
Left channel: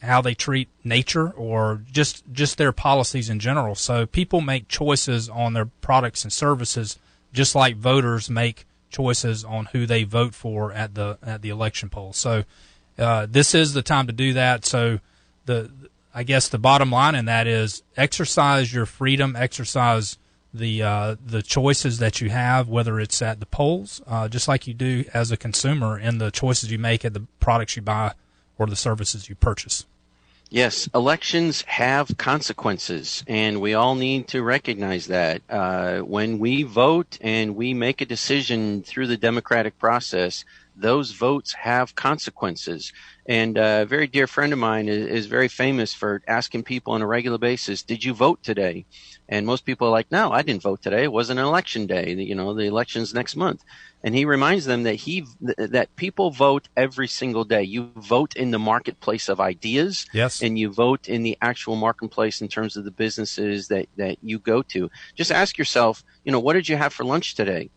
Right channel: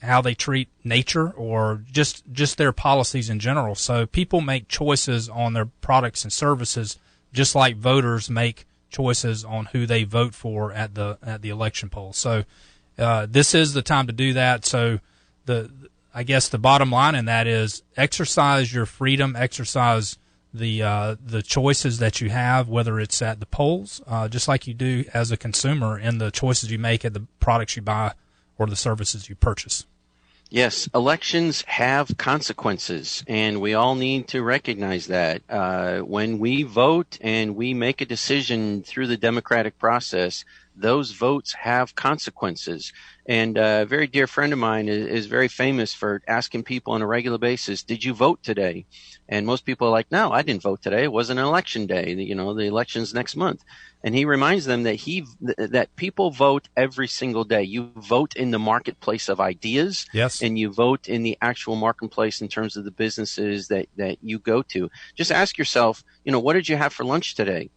how they treat nature or just their policies in general. So people make choices on their products and services just like voters make choices on who they vote for at the election polls. So this is the time to do that. So I guess the bottom line in that is exercise your freedom, exercise the choices that you have, whether it's at the polls, just like you do as a consumer, and the choices you make at the products you buy or the services you purchase. Yes, elections have consequences, and we all need to recognize that. When we vote and we make a decision through the democratic process, those votes have consequences. And a very dear friend of mine is very famous for asking people on a regular basis, did you vote today? And most people are like, no, I didn't vote today. It wasn't an election day. The election's next month. And he reminds them that people vote every single day. You vote in the marketplace of ideas. Yes. And you vote in the actual marketplace in terms of the businesses that you go to. Just ask yourself, what did you have for lunch today?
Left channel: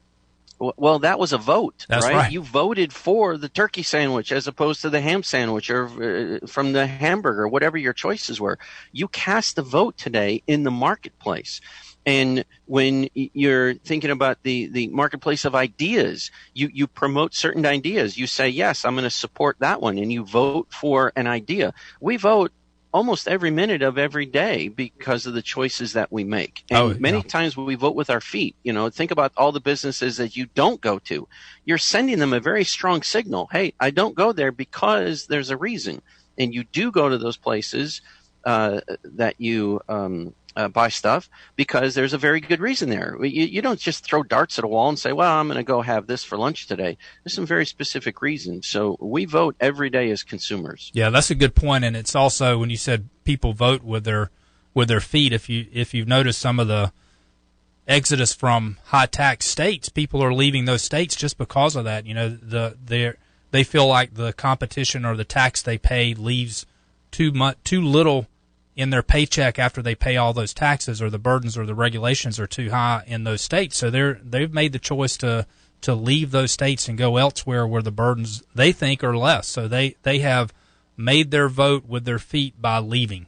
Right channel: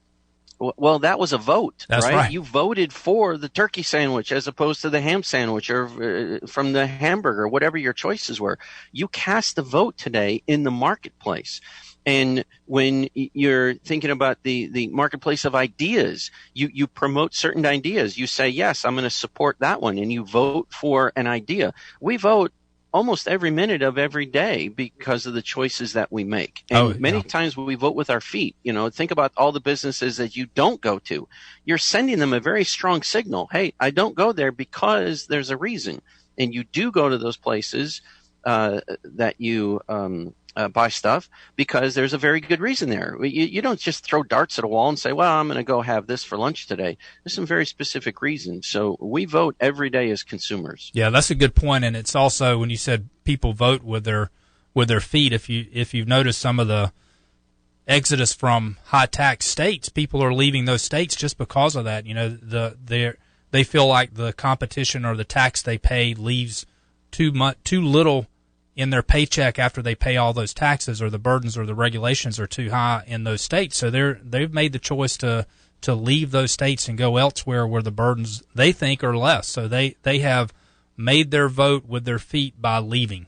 Well, that was a vote, That's right? You voted for the turkey sandwich as opposed to the ham sandwich or from the hamburger, whatever your choices were. You cast a vote today in the marketplace. And when you're thinking about the marketplace of ideas, you promote certain ideas. You say, yes, I'm going to support that one, and you vote for an idea. We vote almost every minute of every day because of the choices that we make. And many times we vote with our feet. Think about all the businesses that you don't go to. You're sending them a very strong signal. Hey, I don't go there because there's a reason. And you do go to those places that you buy stuff because there's a very good reason there. You don't just throw darts at a wall and say, well, I'm going to go have this for lunch today. There's some very specific reasons. So we vote every day as consumers. Yeah, that's a good point. And it's also, when you said people vote with their feet, if you've noticed some of the exodus from high tax states, people are leaving those states just because of that. They feel like the competition or the tax they pay leaves too little in their paycheck after they pay all those taxes, or the burdens or the regulations are too high in those states. So they've made the choice to leave those states and go elsewhere where the burdens they think are less. So they have made their vote with their feet by leaving.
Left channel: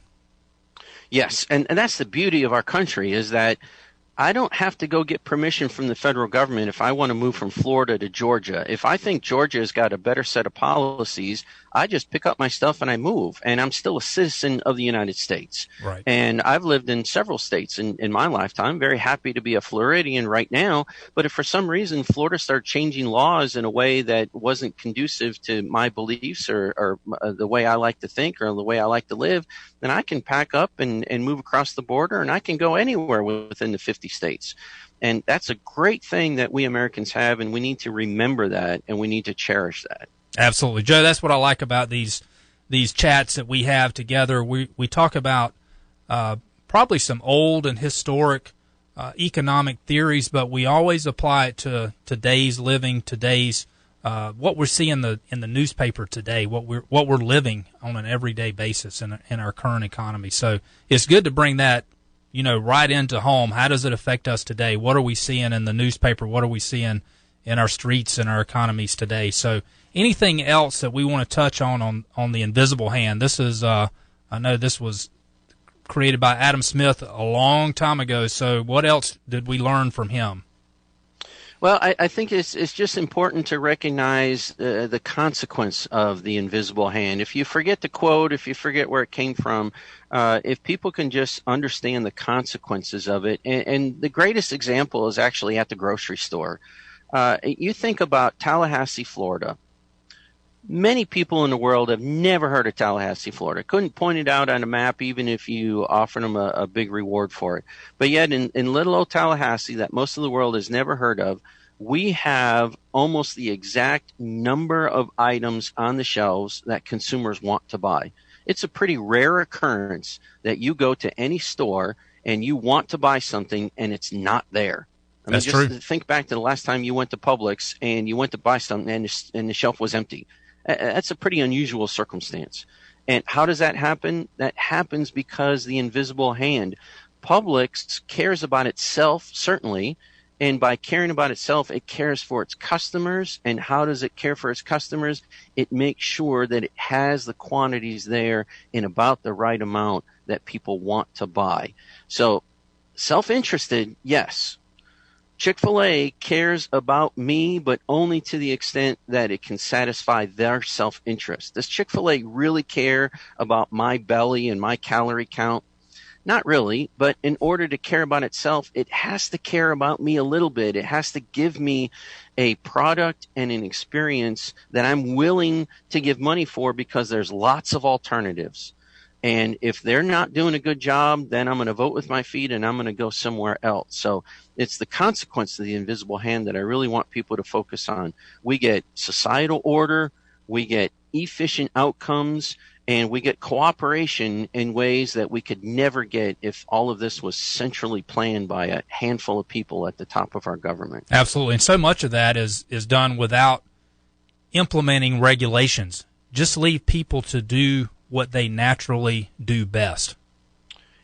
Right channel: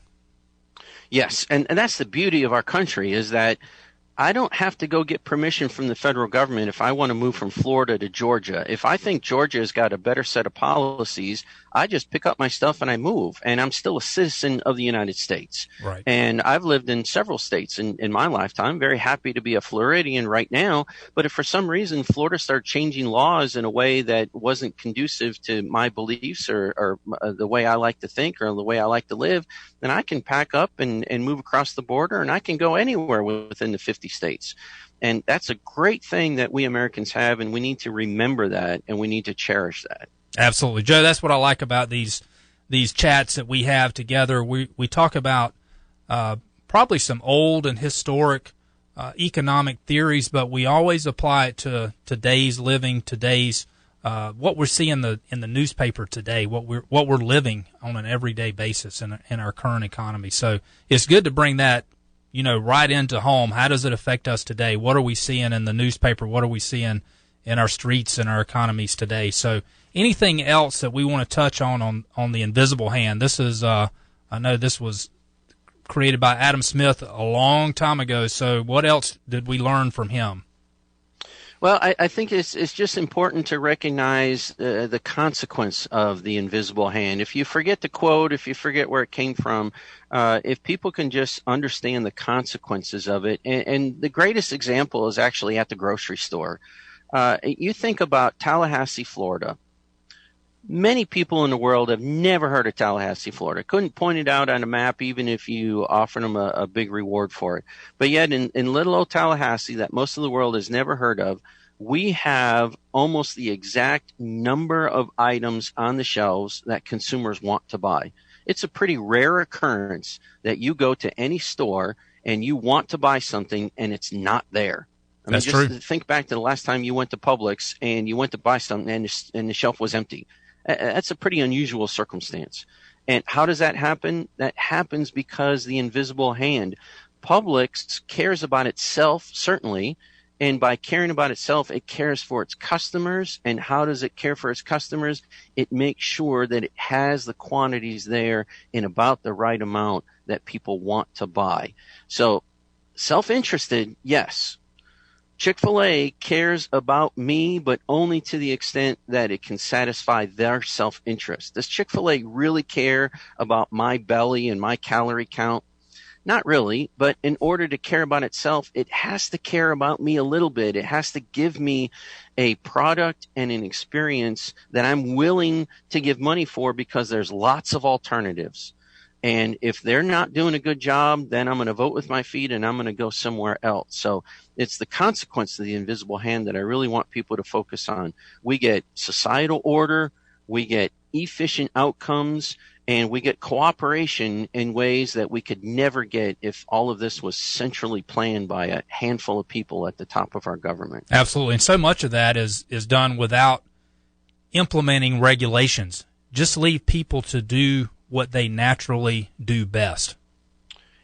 Yes, and that's the beauty of our country, is that I don't have to go get permission from the federal government if I want to move from Florida to Georgia. If I think Georgia has got a better set of policies, I just pick up my stuff and I move. And I'm still a citizen of the United States. Right. And I've lived in several states in my lifetime. Very happy to be a Floridian right now. But if for some reason Florida started changing laws in a way that wasn't conducive to my beliefs or the way I like to think or the way I like to live, then I can pack up and move across the border, and I can go anywhere within the 50 states. And that's a great thing that we Americans have, and we need to remember that, and we need to cherish that. Absolutely. Joe, that's what I like about these chats that we have together. We talk about probably some old and historic economic theories, but we always apply it to today's living, today's what we're seeing in the newspaper today, what we're living on an everyday basis in our current economy. So it's good to bring that, right into home. How does it affect us today? What are we seeing in the newspaper? What are we seeing in our streets and our economies today? So anything else that we want to touch on the invisible hand? This is I know this was created by Adam Smith a long time ago. So what else did we learn from him? Well, I think it's just important to recognize the consequence of the invisible hand. If you forget the quote, if you forget where it came from, if people can just understand the consequences of it, and the greatest example is actually at the grocery store. You think about Tallahassee, Florida. Many people in the world have never heard of Tallahassee, Florida. Couldn't point it out on a map even if you offered them a big reward for it. But yet in little old Tallahassee, that most of the world has never heard of, we have almost the exact number of items on the shelves that consumers want to buy. It's a pretty rare occurrence that you go to any store and you want to buy something and it's not there. I mean, just think back to the last time you went to Publix and you went to buy something and the shelf was empty. That's a pretty unusual circumstance. And how does that happen? That happens because the invisible hand. Publix cares about itself, certainly, And by caring about itself, it cares for its customers. And how does it care for its customers? It makes sure that it has the quantities there in about the right amount that people want to buy. So self-interested, yes. Chick-fil-A cares about me, but only to the extent that it can satisfy their self-interest. Does Chick-fil-A really care about my belly and my calorie count? Not really, but in order to care about itself, it has to care about me a little bit. It has to give me a product and an experience that I'm willing to give money for because there's lots of alternatives. And if they're not doing a good job, then I'm going to vote with my feet and I'm going to go somewhere else. So it's the consequence of the invisible hand that I really want people to focus on. We get societal order, we get efficient outcomes, and we get cooperation in ways that we could never get if all of this was centrally planned by a handful of people at the top of our government. Absolutely. And so much of that is done without implementing regulations. Just leave people to do what they naturally do best.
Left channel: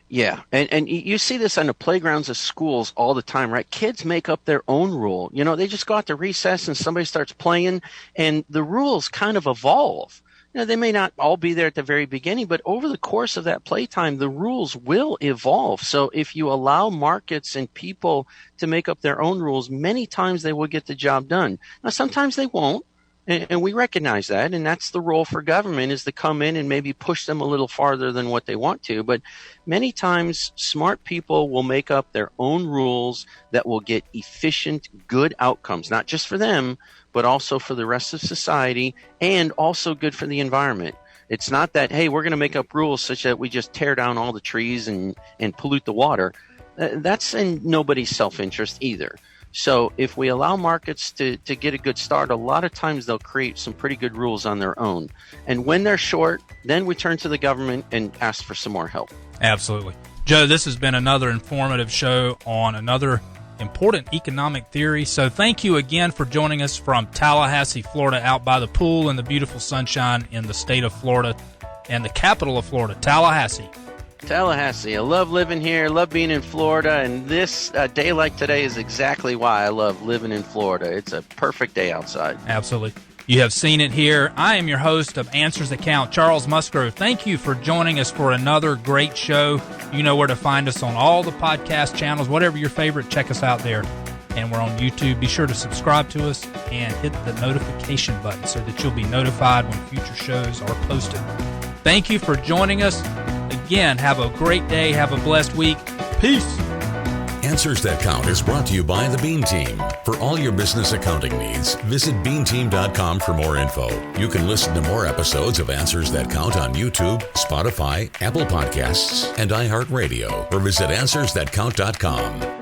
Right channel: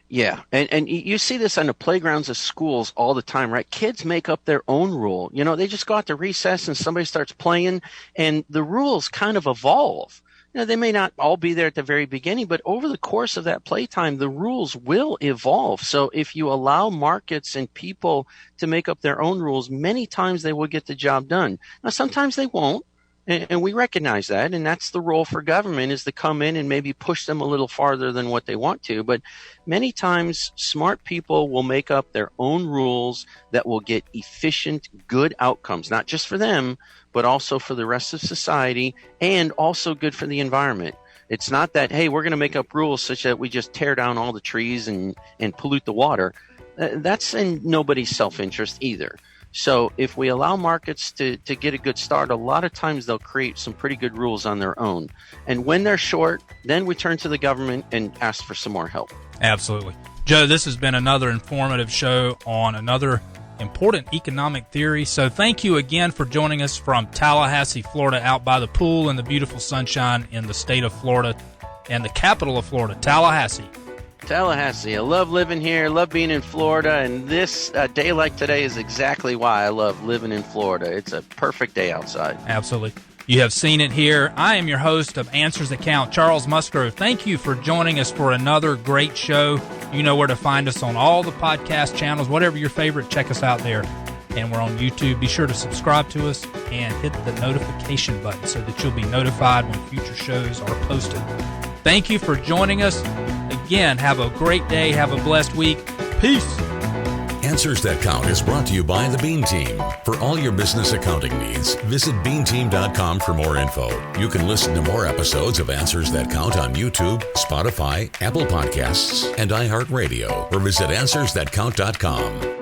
Yeah, and you see this on the playgrounds of schools all the time, right? Kids make up their own rule. You know, they just go out to recess and somebody starts playing, and the rules kind of evolve. You know, they may not all be there at the very beginning, but over the course of that playtime, the rules will evolve. So if you allow markets and people to make up their own rules, many times they will get the job done. Now, sometimes they won't. And we recognize that, and that's the role for government, is to come in and maybe push them a little farther than what they want to. But many times, smart people will make up their own rules that will get efficient, good outcomes, not just for them, but also for the rest of society, and also good for the environment. It's not that, hey, we're going to make up rules such that we just tear down all the trees and pollute the water. That's in nobody's self-interest either. So if we allow markets to get a good start, a lot of times they'll create some pretty good rules on their own. And when they're short, then we turn to the government and ask for some more help. Absolutely. Joe, this has been another informative show on another important economic theory. So thank you again for joining us from Tallahassee, Florida, out by the pool in the beautiful sunshine in the state of Florida and the capital of Florida, Tallahassee. Tallahassee. I love living here, love being in Florida, and this day like today is exactly why I love living in Florida. It's a perfect day outside. Absolutely. You have seen it here. I am your host of Answers That Count, Charles Musgrove. Thank you for joining us for another great show. You know where to find us on all the podcast channels, whatever your favorite, check us out there. And we're on YouTube. Be sure to subscribe to us and hit the notification button so that you'll be notified when future shows are posted. Thank you for joining us. Again, have a great day. Have a blessed week. Peace. Answers That Count is brought to you by the Bean Team. For all your business accounting needs, visit beanteam.com for more info. You can listen to more episodes of Answers That Count on YouTube, Spotify, Apple Podcasts, and iHeartRadio, or visit AnswersThatCount.com.